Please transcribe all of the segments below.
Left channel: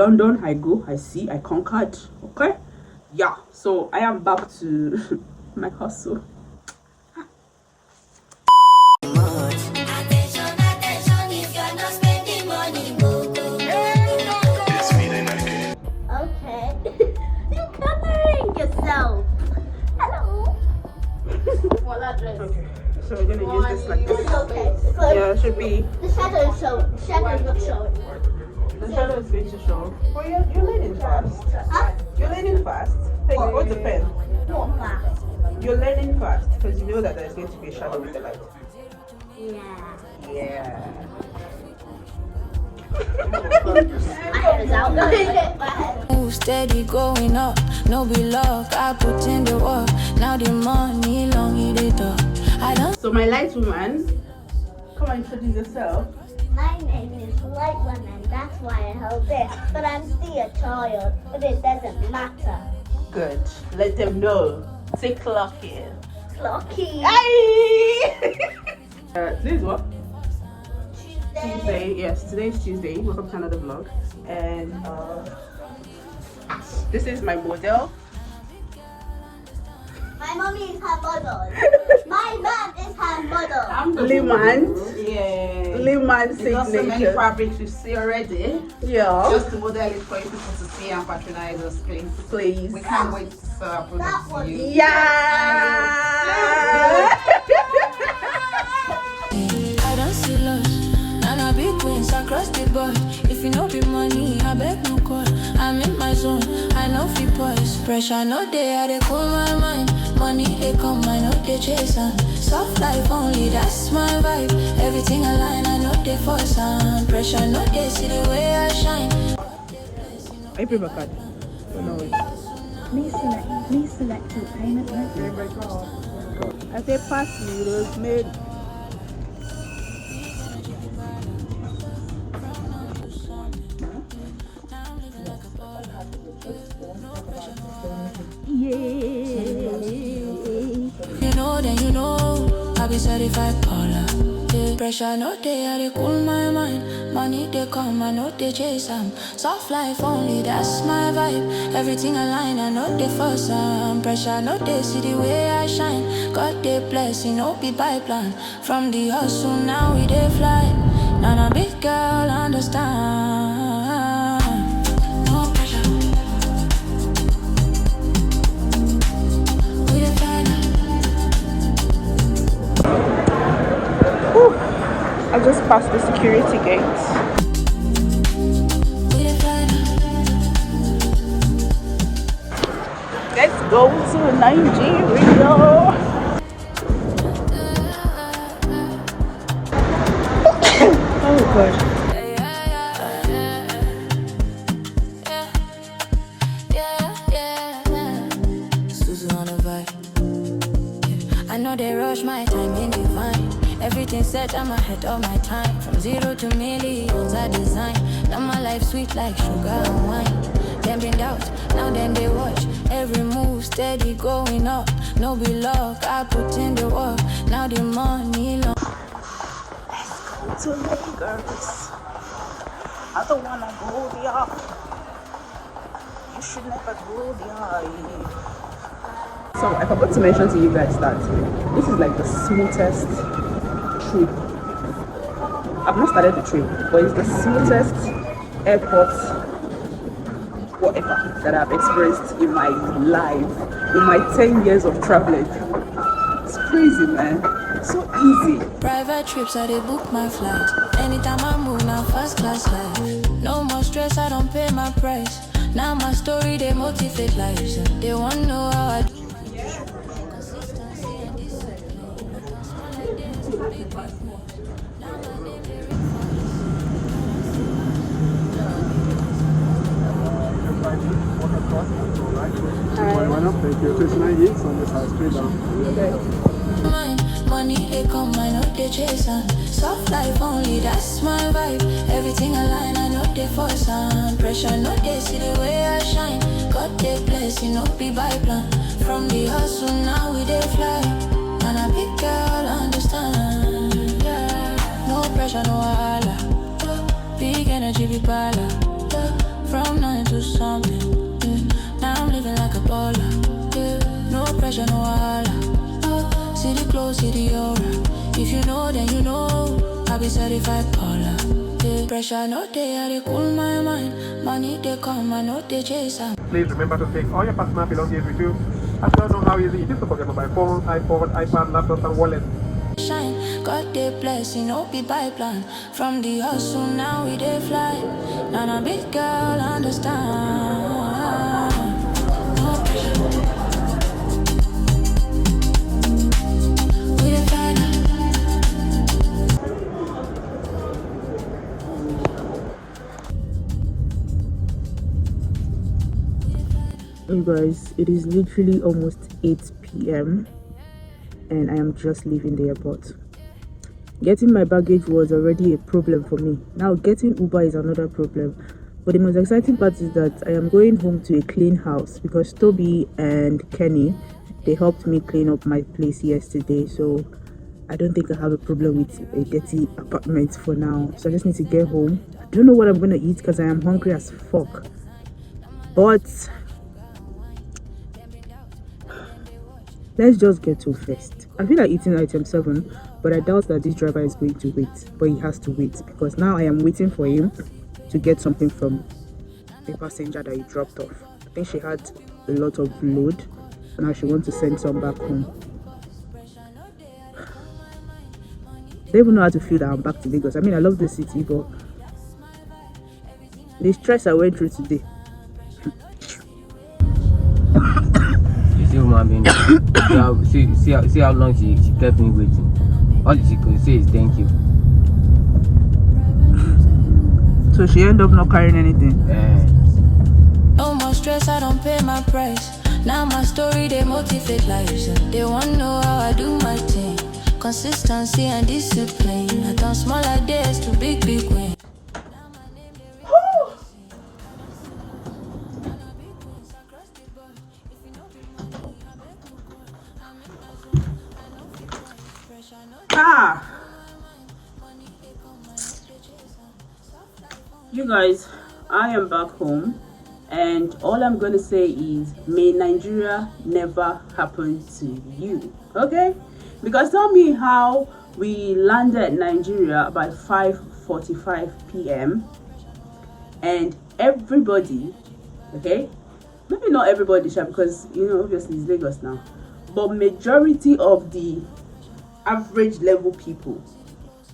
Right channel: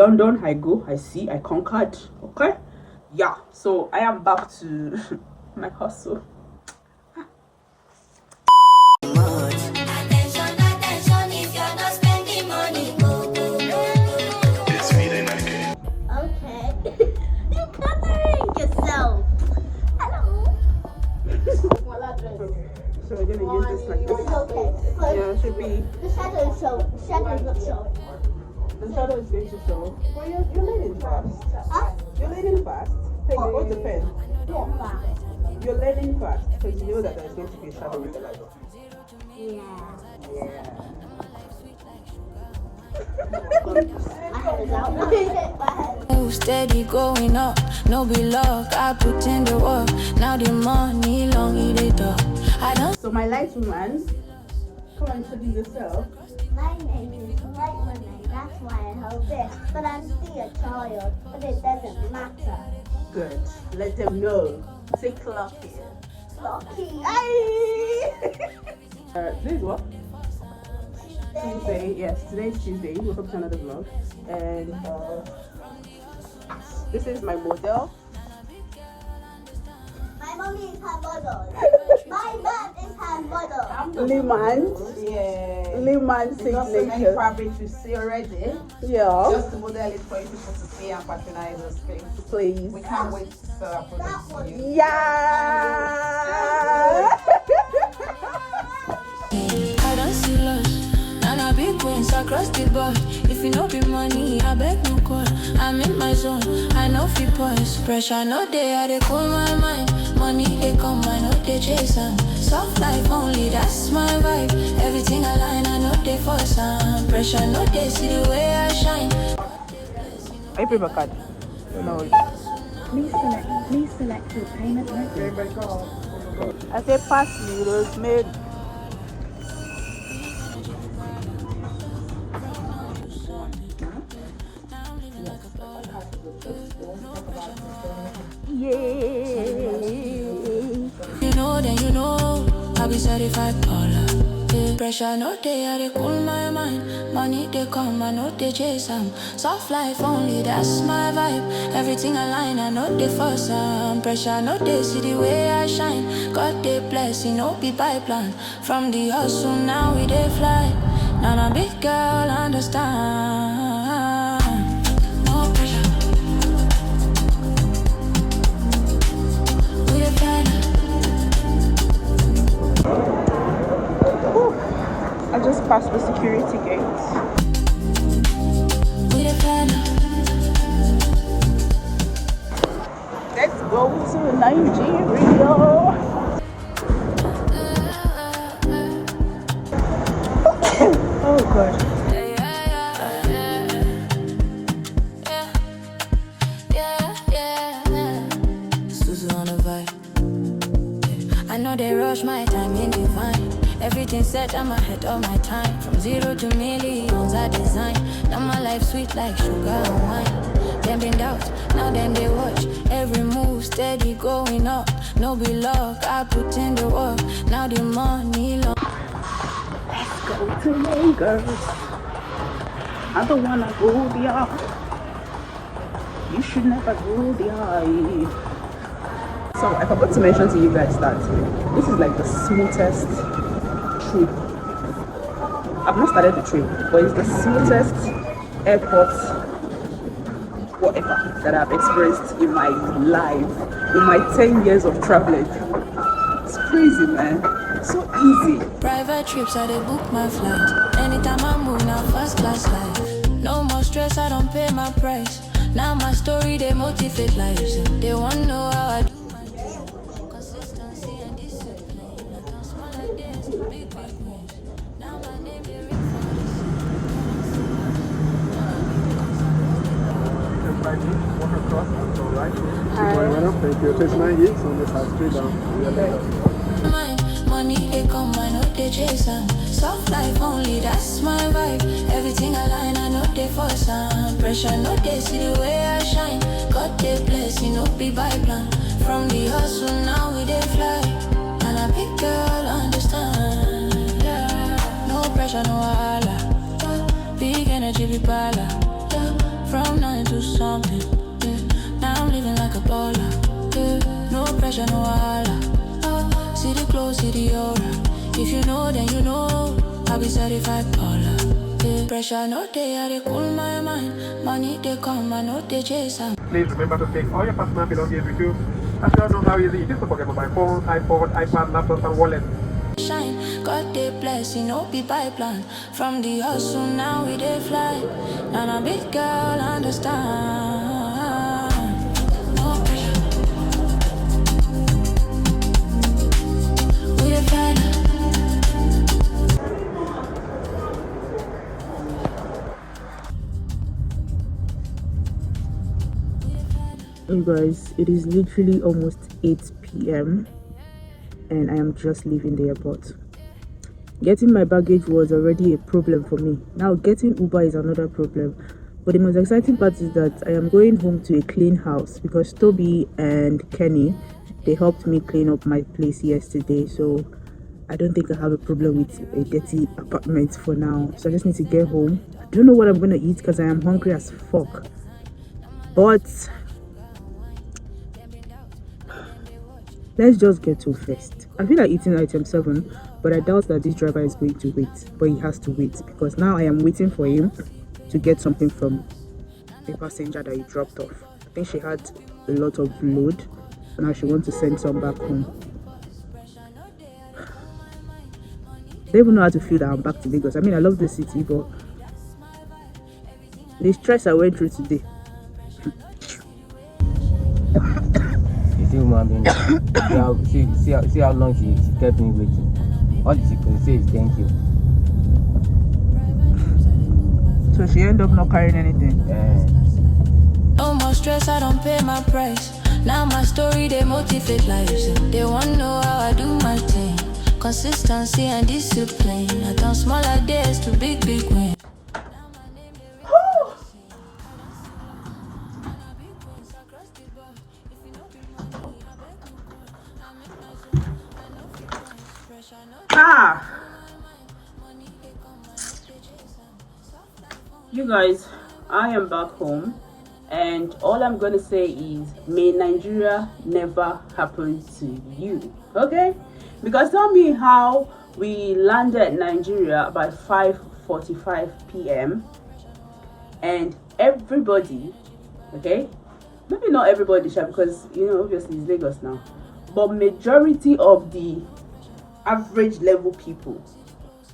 London, I go, I see, I conquered. Okay, yeah. So I am back to my hustle. Okay, so we're gonna use this like this. Okay. Yeah, it should be. The shadow is showing. Shadow is not showing. The shadow is going to show. Oh, you're learning fast. Huh? You're learning fast. Take hold the pen. Not fast. You're learning fast because you know that there's going to be a shadow with the light. Yeah. Yeah. I have it out. Move steady going up, no be luck. I put in the work, now the money long it up. I don't. So my light woman, come and introduce yourself. My name is Light Woman, that's why I hold this. But I'm still a child, but it doesn't matter. Good. Let them know. Say clock in. Clocky. Today is what? Tuesday. Yes, today is Tuesday. Welcome to another vlog. And this is my model. My mommy is her model. My man is her model. I'm the Liman. Yeah. Liman Not so many signature. fabrics you see already. Yeah. Just the model is for you people to see and patronize us, please. Please. We can't wait to sell our products to you. Yeah. I don't see loss. Nana big wins across the board. If you know be money, I beg no call. I'm in my zone, I know fi boys. Pressure no day, I dey cool my mind. Money they come, I know they chase on. Soft life only, that's my vibe. Everything align, I know they force on. Pressure no day, see the way I shine. I pay my card. No. Please select your payment method. I say pass me, Rosemary. You know, then you know, I be certified baller. Yeah. Pressure no day, I dey cool my mind. Money they come, I know they chase 'em. Soft life only, that's my vibe. Everything align, I know they force 'em. Pressure no day, see the way I shine. God they bless, you know be by plan. From the hustle now we dey fly. Now a big girl understand. No pressure. We dey fly now. I just passed the security gate. We dey fly now. Let's go to Nigeria. Oh God. Suzu on the vibe. I know they rush my time in divine. Everything set, I'm ahead of my time. From 0 to millions I design. Now my life sweet like sugar and wine. Them been doubt, now them they watch. Every move steady going up. No be luck, I put in the work. Now the money long. Go to Lagos. I don't wanna go there. You should never go there. So I forgot to mention to you guys that this is like the smoothest trip. I've not started the trip, but it's the smoothest airport whatever that I've experienced in my life, in my 10 years of traveling. It's crazy, man. So easy. Private trips, I dey book my flight. Anytime I move, now first class life. No more stress, I don't pay my price. Now my story, they motivate lives. They want to know how I do. Consistency and discipline. I don't smile like this, big moves. Now my name, they ring Thank you. It takes 9 weeks and this has 3 down. mine. Money they come, I know they chase them. Soft life only, that's my vibe. Everything align, I know they force some. Pressure, no they see the way I shine. God they bless, you know be by plan. From the hustle, now we they fly. And a big girl understand, yeah. No pressure, no wahala. Big energy, be bala. From nothing to something, yeah. Now I'm living like a baller, yeah. No pressure, no wahala. See the clothes, see the aura. If you know, then you know. I'll be certified baller, yeah. Pressure, no day, I they cool my mind. Money they come, I know they chase them. Please remember to take all your personal belongings with you. I don't know how easy it is to forget mobile phone, iPhone, iPad, laptop, and wallet. Shine, God they bless, you know be by plan. From the hustle, now we they fly. And a big girl understand. No pressure. We they fly now. Hey guys, it is literally almost 8 p.m. and I am just leaving the airport. Getting my baggage was already a problem for me. Now getting Uber is another problem. But the most exciting part is that I am going home to a clean house because Toby and Kenny, they helped me clean up my place yesterday. So I don't think I have a problem with a dirty apartment for now. So I just need to get home. I don't know what I'm going to eat because I am hungry as fuck. But let's just get to first. I feel like eating item 7, but I doubt that this driver is going to wait. But he has to wait because now I am waiting for him to get something from the passenger that he dropped off. I think she had a lot of load. Now she wants to send some back home. I don't even know how to feel that I'm back to Lagos. I mean, I love the city, but the stress I went through today. See, woman being see how long she kept me waiting. All she could say is thank you. So she ended up not carrying anything. No more stress, I don't pay my price. Now my story, they motivate lives. They wanna know how I do my thing. Consistency and discipline. I turn small ideas to big wins. You guys, I am back home and all I'm gonna say is may Nigeria never happen to you, okay? Because tell me how we landed Nigeria about 5:45 p.m. and everybody, okay, maybe not everybody, because you know obviously it's Lagos now, but majority of the average level people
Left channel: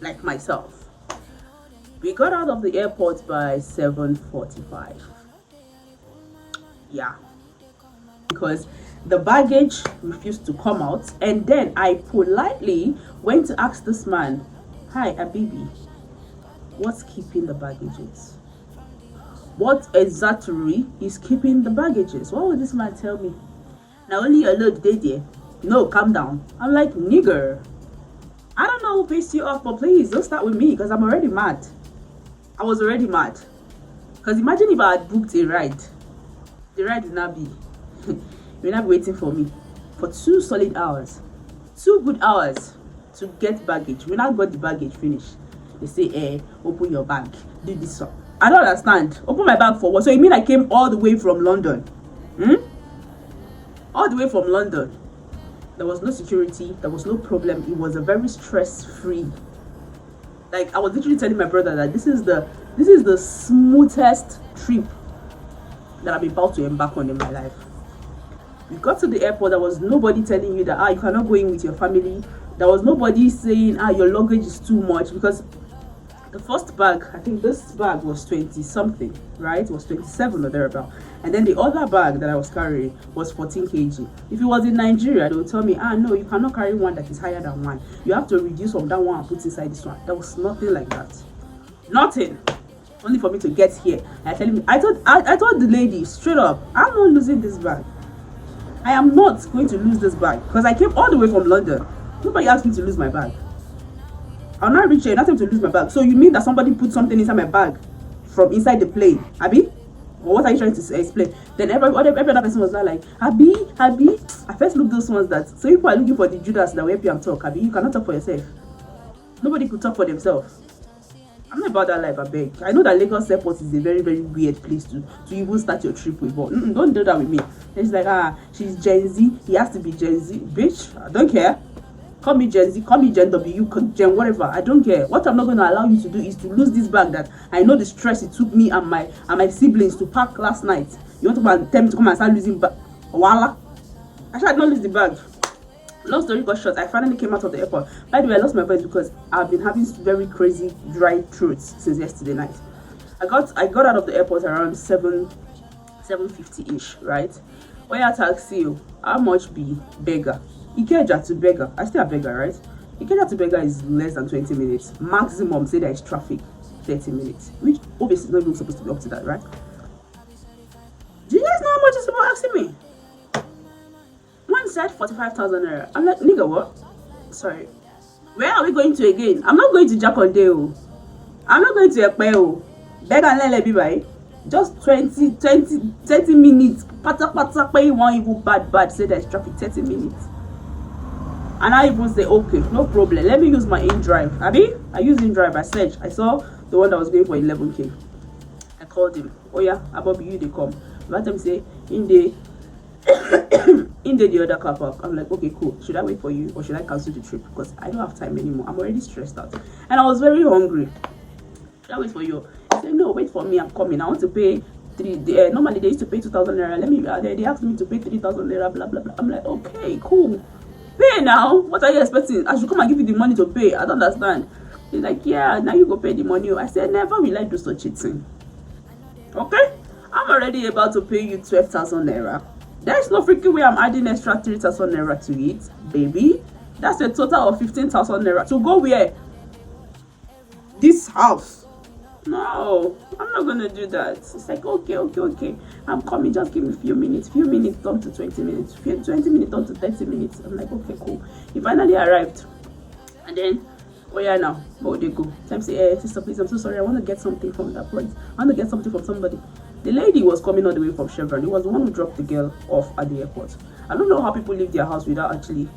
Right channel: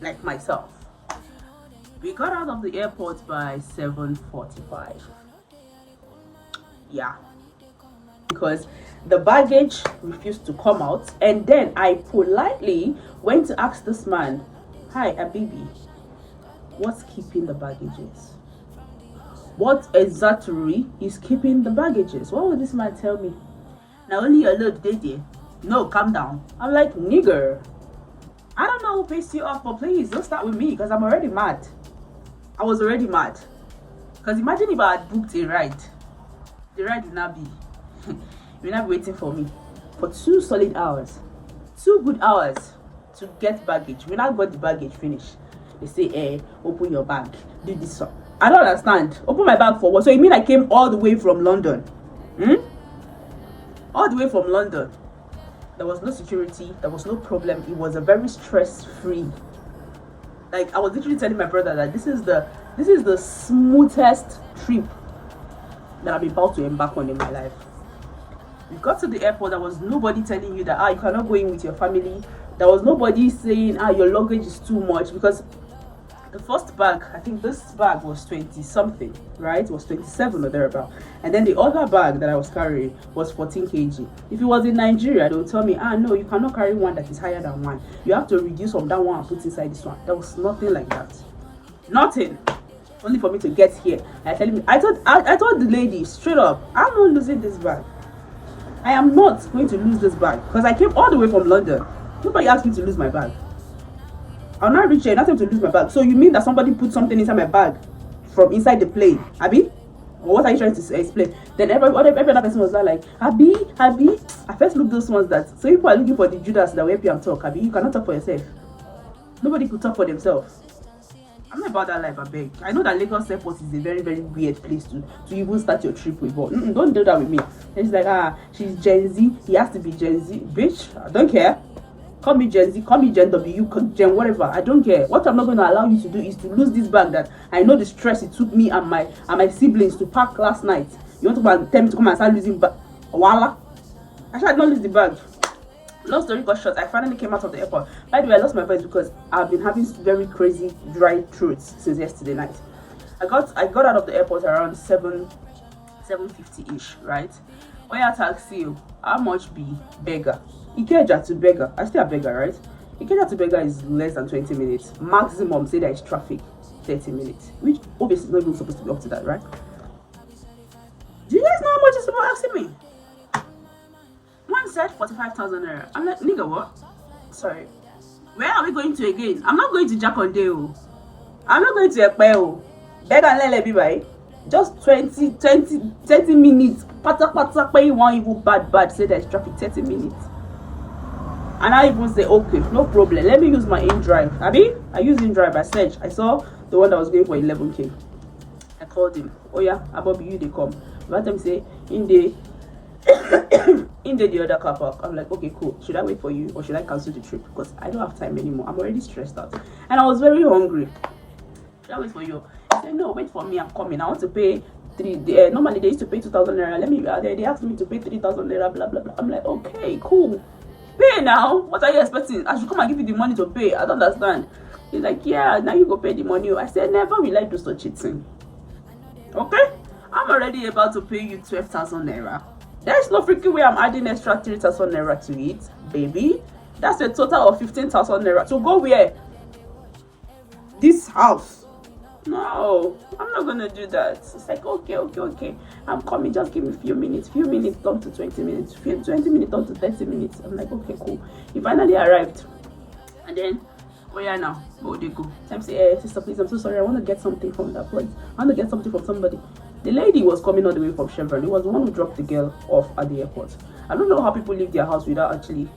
like myself, we got out of the airport by 7:45. Yeah, because the baggage refused to come out, and then I politely went to ask this man, "Hi, Abibi, what's keeping the baggages? What exactly is keeping the baggages?" What would this man tell me? Now only your load did there. No, calm down. I'm like, nigger, I don't know who pissed you off, but please don't start with me because I'm already mad. I was already mad. Because imagine if I had booked a ride. The ride would not be. You will not be waiting for me for 2 solid hours. 2 good hours to get baggage. We now got the baggage finished. They say, open your bag. Do this one. I don't understand. Open my bag for what? So you mean I came all the way from London? All the way from London. There was no security. There was no problem. It was a very stress-free. Like I was literally telling my brother that this is the smoothest trip that I'm about to embark on in my life. We got to the airport. There was nobody telling you that you cannot go in with your family. There was nobody saying your luggage is too much, because the first bag, I think this bag was 20 something, right? It was 27 or thereabout. And then the other bag that I was carrying was 14 kg. If it was in Nigeria, they would tell me, no, you cannot carry one that is higher than one. You have to reduce from that one and put inside this one. There was nothing like that. Nothing. Only for me to get here. And telling me, I told the lady straight up, I'm not losing this bag. I am not going to lose this bag because I came all the way from London. Nobody asked me to lose my bag. I'll not reach here, nothing to lose my bag. So you mean that somebody put something inside my bag from inside the plane, Abby? Or what are you trying to explain? Then every other person was like, Abby. I first looked those ones that, so people are looking for the Judas that will help you talk, Abby. You cannot talk for yourself. Nobody could talk for themselves. I'm not about that life, I beg. I know that Lagos Airport is a very, very weird place to even start your trip with, but don't do that with me. It's like, she's Gen Z. He has to be Gen Z. Bitch, I don't care. Call me Gen Z, call me Gen W, Gen whatever. I don't care. What I'm not going to allow you to do is to lose this bag that I know the stress it took me and my siblings to pack last night. You want to tell me to come and start losing bag? Voila. Actually, I did not lose the bag. Long story got short, I finally came out of the airport. By the way, I lost my voice because I've been having very crazy dry throats since yesterday night. I got out of the airport around 7:50-ish, right? When I taxi, how much be beggar? Ikeja to beggar. I still a beggar, right? Ikeja to beggar is less than 20 minutes. Maximum, say there is traffic, 30 minutes. Which obviously is not even supposed to be up to that, right? Do you guys know how much it's about asking me? One said 45,000 naira. I'm like, nigga, what? Sorry. Where are we going to again? I'm not going to Jakondeo. I'm not going to Ekpeo. Beggar and Lele be right. Just 30 minutes. Pata pay one even bad. Say there's traffic 30 minutes. And I even say, okay, no problem. Let me use my InDrive. Abi? I use InDrive. I searched. I saw the one that was going for 11K. I called him. Oh yeah, about you they come. Let them say in the other car park. I'm like, okay, cool. Should I wait for you or should I cancel the trip? Because I don't have time anymore. I'm already stressed out. And I was very hungry. Should I wait for you? He said, no, wait for me. I'm coming. I want to pay normally they used to pay 2,000 naira. They asked me to pay 3,000 naira, blah blah blah. I'm like, okay, cool. Pay now. What are you expecting? I should come and give you the money to pay. I don't understand. He's like, yeah, now you go pay the money. I said, never will I do such a thing. Okay? I'm already about to pay you 12,000 naira. There's no freaking way I'm adding extra 3,000 naira to it, baby. That's a total of 15,000 naira. To go where? This house. No, I'm not gonna do that. It's like, okay. I'm coming, just give me a few minutes. Few minutes down to 20 minutes. 20 minutes down to 30 minutes. I'm like, okay, cool. He finally arrived. And then, oh yeah, now, oh, they go. Time say, hey, sister, please, I'm so sorry. I want to get something from that place. I want to get something from somebody. The lady was coming all the way from Chevron. He was the one who dropped the girl off at the airport. I don't know how people leave their house without actually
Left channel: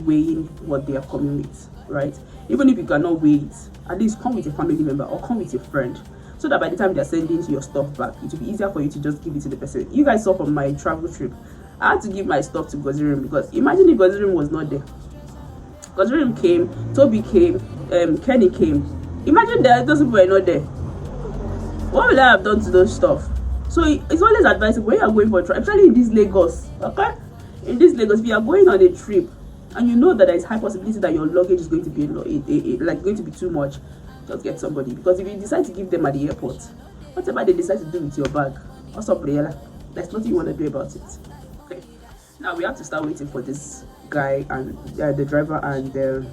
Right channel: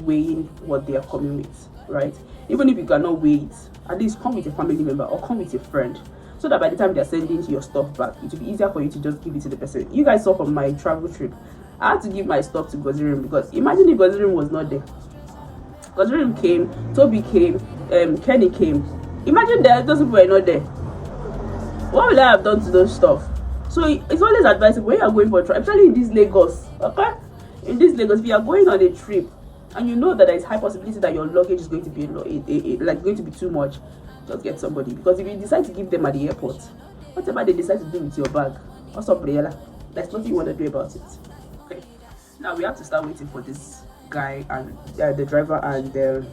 weighing what they are coming with, right? Even if you cannot weigh it, at least come with a family member or come with a friend, so that by the time they're sending your stuff back, it will be easier for you to just give it to the person. You guys saw from my travel trip, I had to give my stuff to Gozirim because imagine if Gozirim was not there. Gozirim came, Toby came, Kenny came. Imagine that those people were not there. What will I have done to those stuff? So it's always advisable when you are going for a trip, especially in this Lagos, okay? In this Lagos, if you are going on a trip and you know that there is high possibility that your luggage is going to be going to be too much, just get somebody. Because if you decide to give them at the airport, whatever they decide to do with your bag, what's up, Briella? There's nothing you want to do about it. Okay. Now we have to start waiting for this guy and the driver and the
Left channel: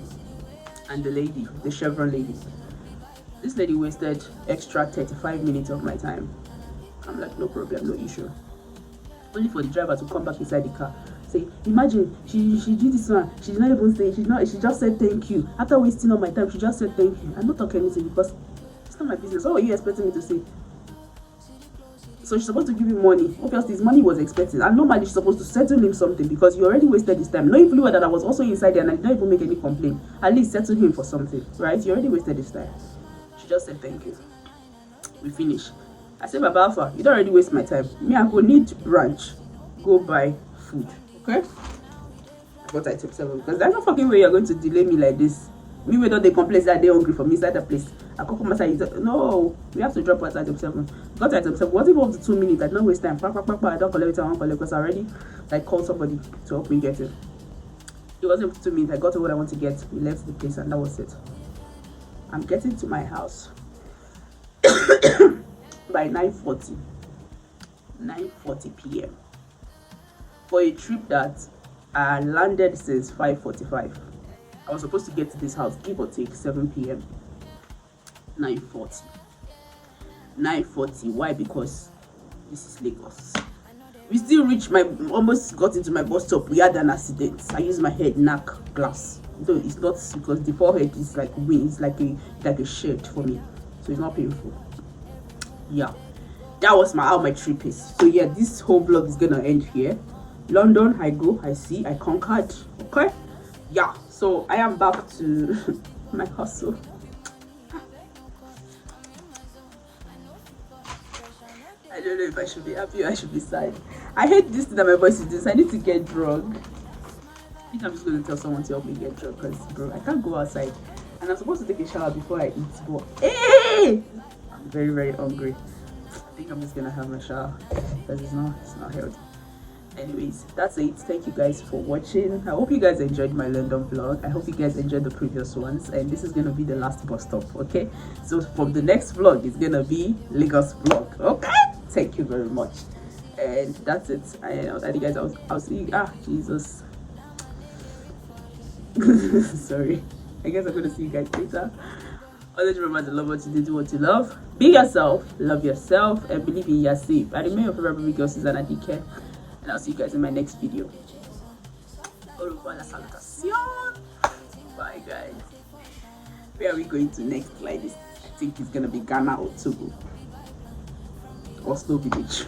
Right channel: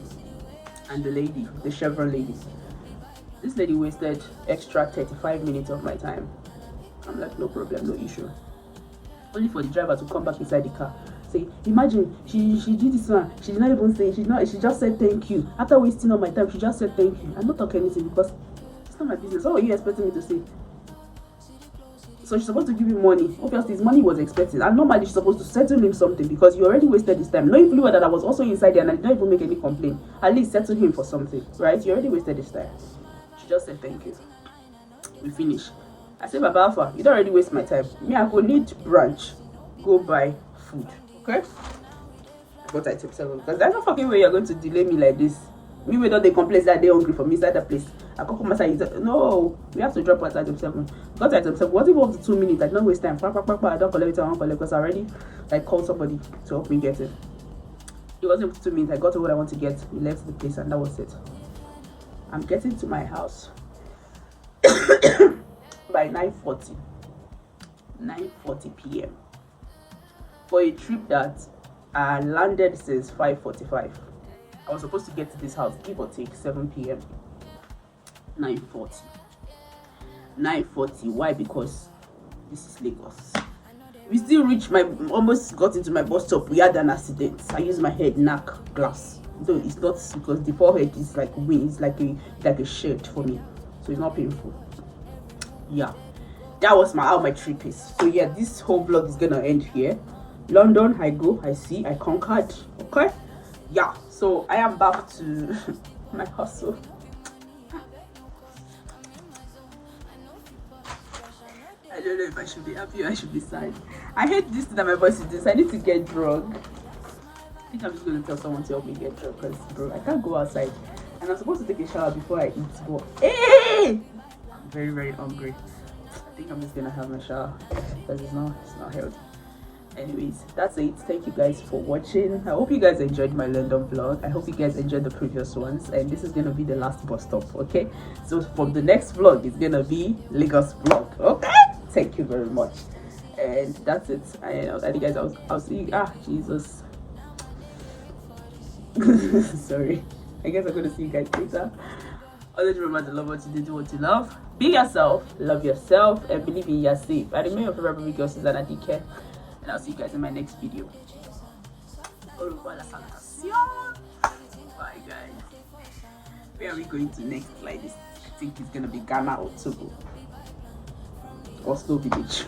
lady, the Chevron lady. This lady wasted extra 35 minutes of my time. I'm like, no problem, no issue. Only for the driver to come back inside the car. Say, imagine she did this one. She did not even say, she just said thank you. After wasting all my time, she just said thank you. I'm not talking anything because it's not my business. What were you expecting me to say? So she's supposed to give him money. Obviously, his money was expected. And normally she's supposed to settle him something because you already wasted his time. Knowing fully well that I was also inside there and I did not even make any complaint. At least settle him for something, right? You already wasted his time. She just said thank you. We finish. I said, Baba Alpha, you don't already waste my time. Me, I go need brunch. Go buy food. Okay? But I took 7 because there's no fucking way you're going to delay me like this. Me without the complaints that they're hungry for me inside the place. I come come inside. No, we have to drop at item 7. Got item 7. What if up to 2 minutes? I don't waste time. I don't collect it. I don't collect because I already called somebody to help me get it. It wasn't up to 2 minutes. I got to what I want to get. We left the place and that was it. I'm getting to my house by 9:40 p.m. for a trip that I landed since 5:45. I was supposed to get to this house, give or take 7 p.m. 9:40. Why? Because this is Lagos. We still reached almost got into my bus stop. We had an accident. I used my head, knock glass. though it's not, because the forehead is like wings, like a shirt for me, so it's not painful. Yeah, that was how my trip is. So yeah, this whole vlog is gonna end here. London, I go, I see, I conquered. Okay, yeah, so I am back to my hustle. I don't know if I should be happy or I should be sad. I hate this thing that my voice is this. I need to get drunk. I think I'm just going to tell someone to help me get drunk, because bro, I can't go outside and I'm supposed to take a shower before I eat, but hey, I'm very, very hungry. I think I'm just gonna have my shower because it's not healthy. Anyways, that's it. Thank you guys for watching. I hope you guys enjoyed my London vlog. I hope you guys enjoyed the previous ones, and this is gonna be the last bus stop. Okay, so from the next vlog, it's gonna be Lagos vlog. Okay, thank you very much, and that's it. I think guys, I'll see you. Jesus. Sorry, I guess I'm gonna see you guys later. Always remember to love what you do what you love. Be yourself, love yourself, and believe in yourself. I remain your favorite baby girl, Susanna DK, and I'll see you guys in my next video. Bye guys. Where are we going to next? Like this, I think it's gonna be Ghana or Togo or Slow Village.